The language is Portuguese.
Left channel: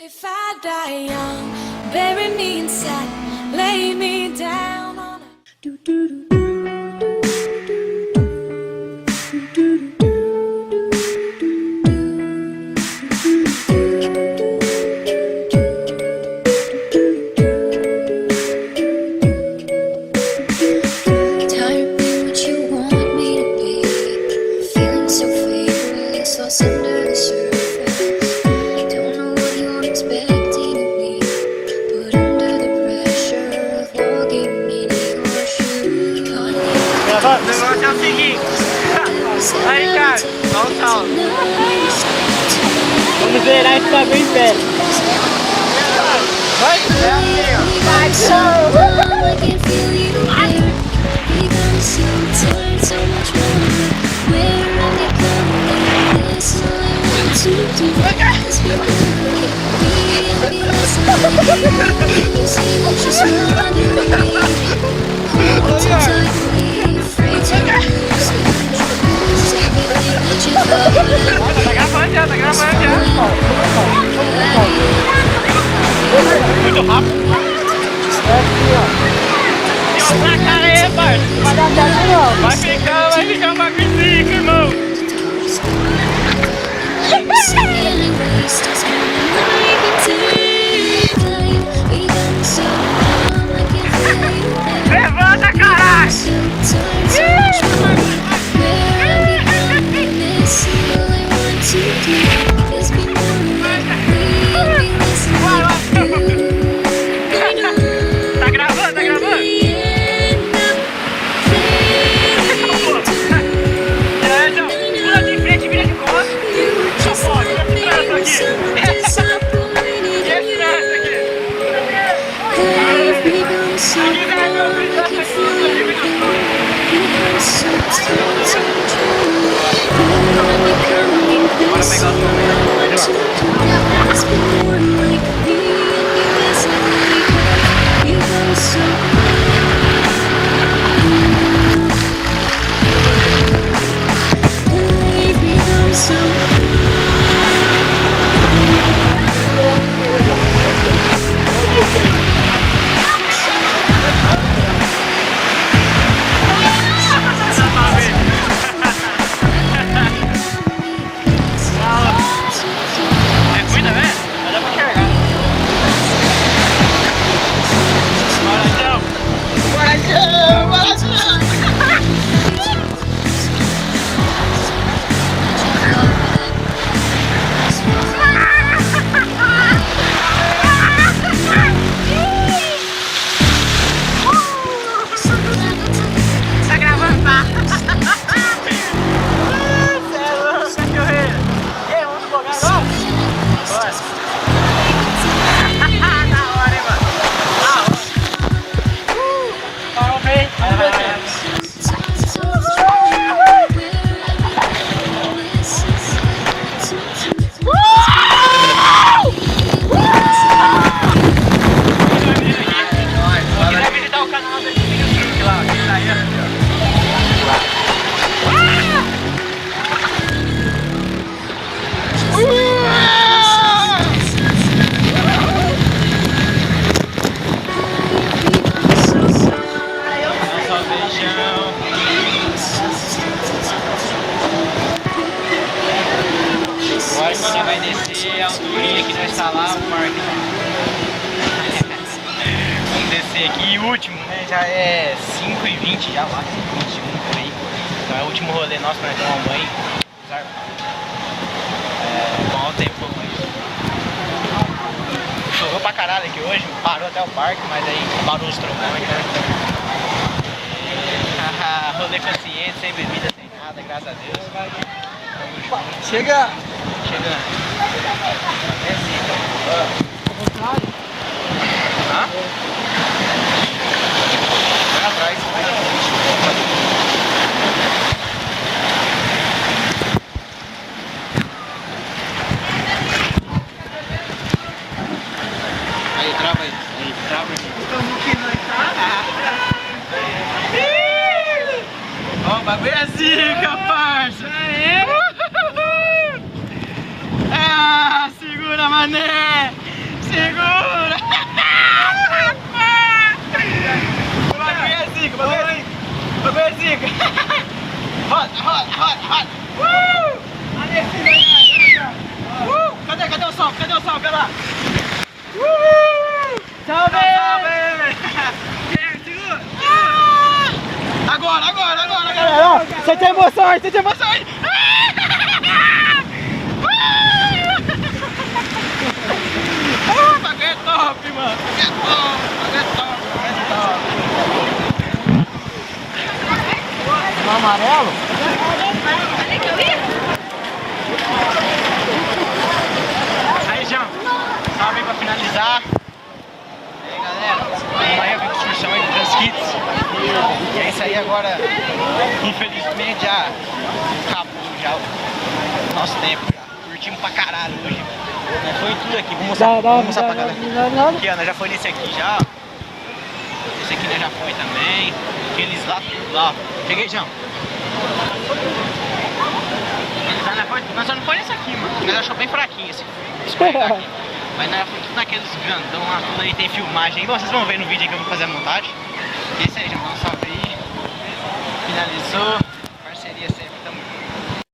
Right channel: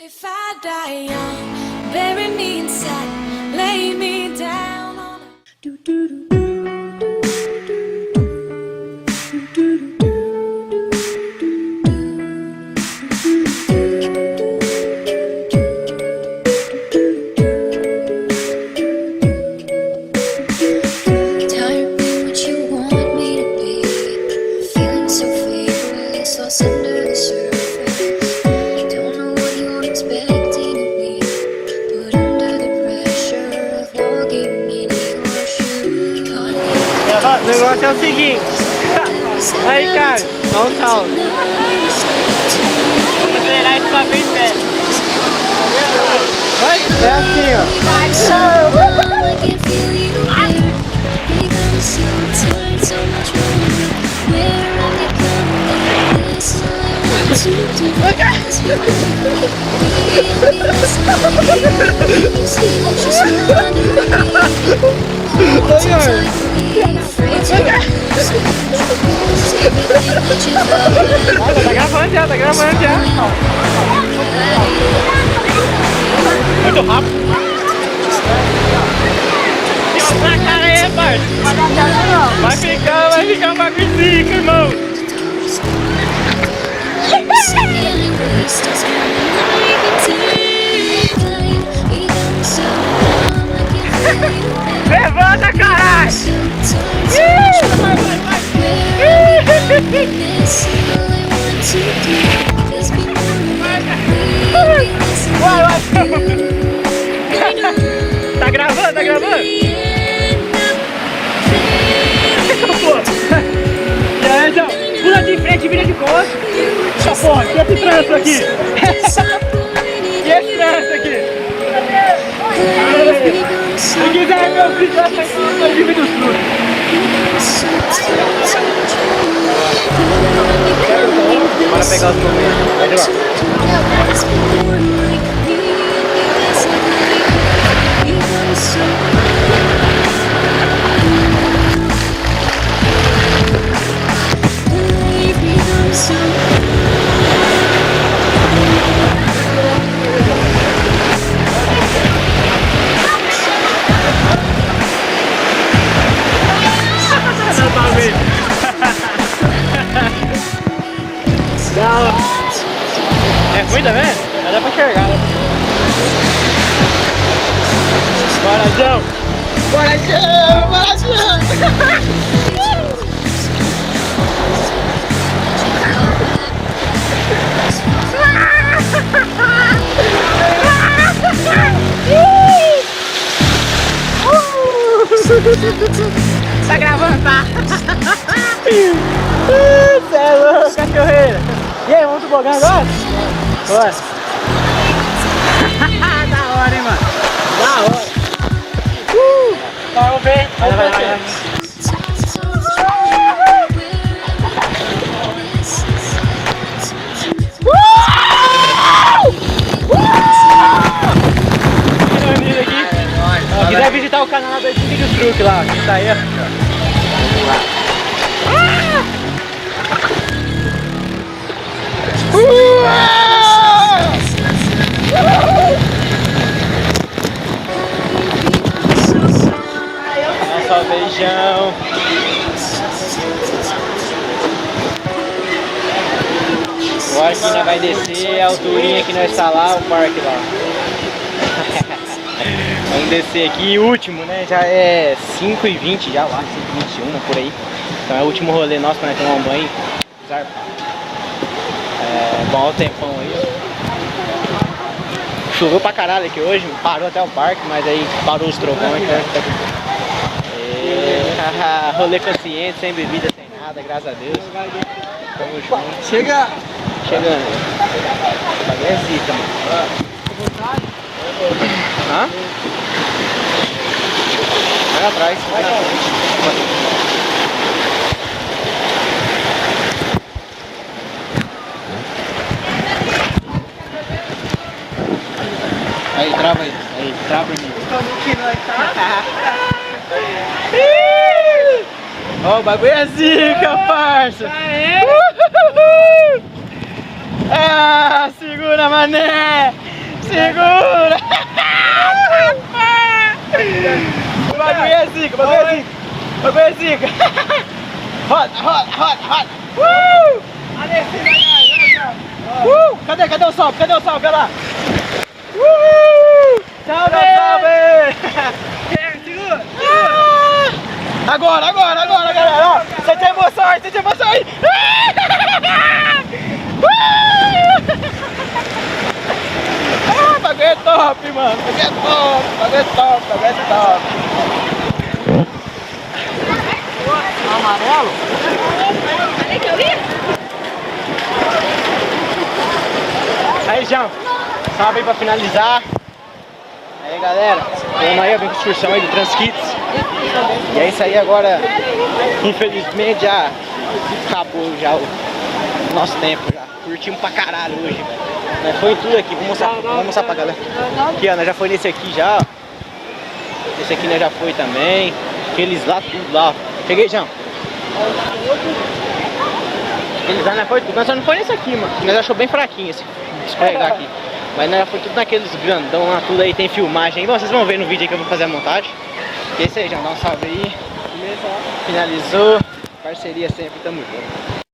If I die young, bury me inside, lay me down on a tired being what you want me to be, feeling so feverish, lost under the surface. Don't know what you're expecting of me, but under the pressure of walking in your shoes. Negócio é o seguinte. Aí, cara, olha o salto. Vamos zerar isso aqui em pé. Vai assim, ó. I can feel you there. Become so tired, so much more. Where I'm becoming this, all I want to do is be more like me and be less like you. Can you see that you're smothering me? Hold too tightly, afraid to lose control. Everything that you thought would end Tá gravando já, tá gravando já. Muito rápido. Vai, cara, aí, pai. Vai dar certo, não. Vai ficar magnífico, irmão. Levanta, caralho! Tá gravando, tá gravando? Pula de frente e vira de costas. Tá bom, deixa eu puxar isso aqui. Cuida, velho. Vai dar pra enxergar, né? Bora, João. Bora, tá gravando, tá? Céu, cachorreira. E aí, vamos jogar agora? Bora. Da hora, hein, mano? Da hora. Vamos ver. Vai. Aqui vai visitar o canal do Truque lá. Tá aí, ó. Beijão. Agora que nós vai descer a alturinha que nós está lá, o parque lá. Vamos descer aqui, último, né? Já é 5h20 já lá, 5h21 por aí. Então é o último rolê nosso para nós tomar um banho. Bom, olha o tempão aí. Choveu pra caralho aqui hoje, parou até o parque, mas aí parou os trovões. Rolê consciente, sem bebida, sem nada, graças a Deus. Tamo junto. Chega! Chegando. Mas é zica, mano. Hã? Vai atrás, vai na frente. Aí, trava aí. Aí, trava aí. Como que nós tá? Ó, o bagulho é zica, parça! Ah, segura! Segura, mané! Segura! O bagulho é zica, o bagulho é zica! O bagulho é zica! Roda! Cadê o salve? Cadê lá? Salve! Agora, galera! Ó, sente a emoção aí! O bagulho é top, mano! Bagulho é top! Amarelo? Aí, João, salve aí pra finalizar. Aí, galera, vamos aí, vem com excursão aí do Transkits. E é isso aí agora, infelizmente já acabou já o nosso tempo já. Curtimos pra caralho hoje. Foi tudo aqui, vou mostrar pra galera. Aqui, ó, nós já foi nesse aqui já. Esse aqui nós já foi também. Aqueles lá, tudo lá. Peguei, João. Aqueles lá nós foi tudo. Nós só não foi nesse aqui, mano. Nós achou bem fraquinho esse escorregar aqui. Mas nós já foi tudo naqueles grandão lá, tudo aí tem filmagem. Bom, vocês vão ver no vídeo aí que eu vou fazer a montagem. E esse aí, João, dá um salve aí. Finalizou. Parceria sempre, tamo junto.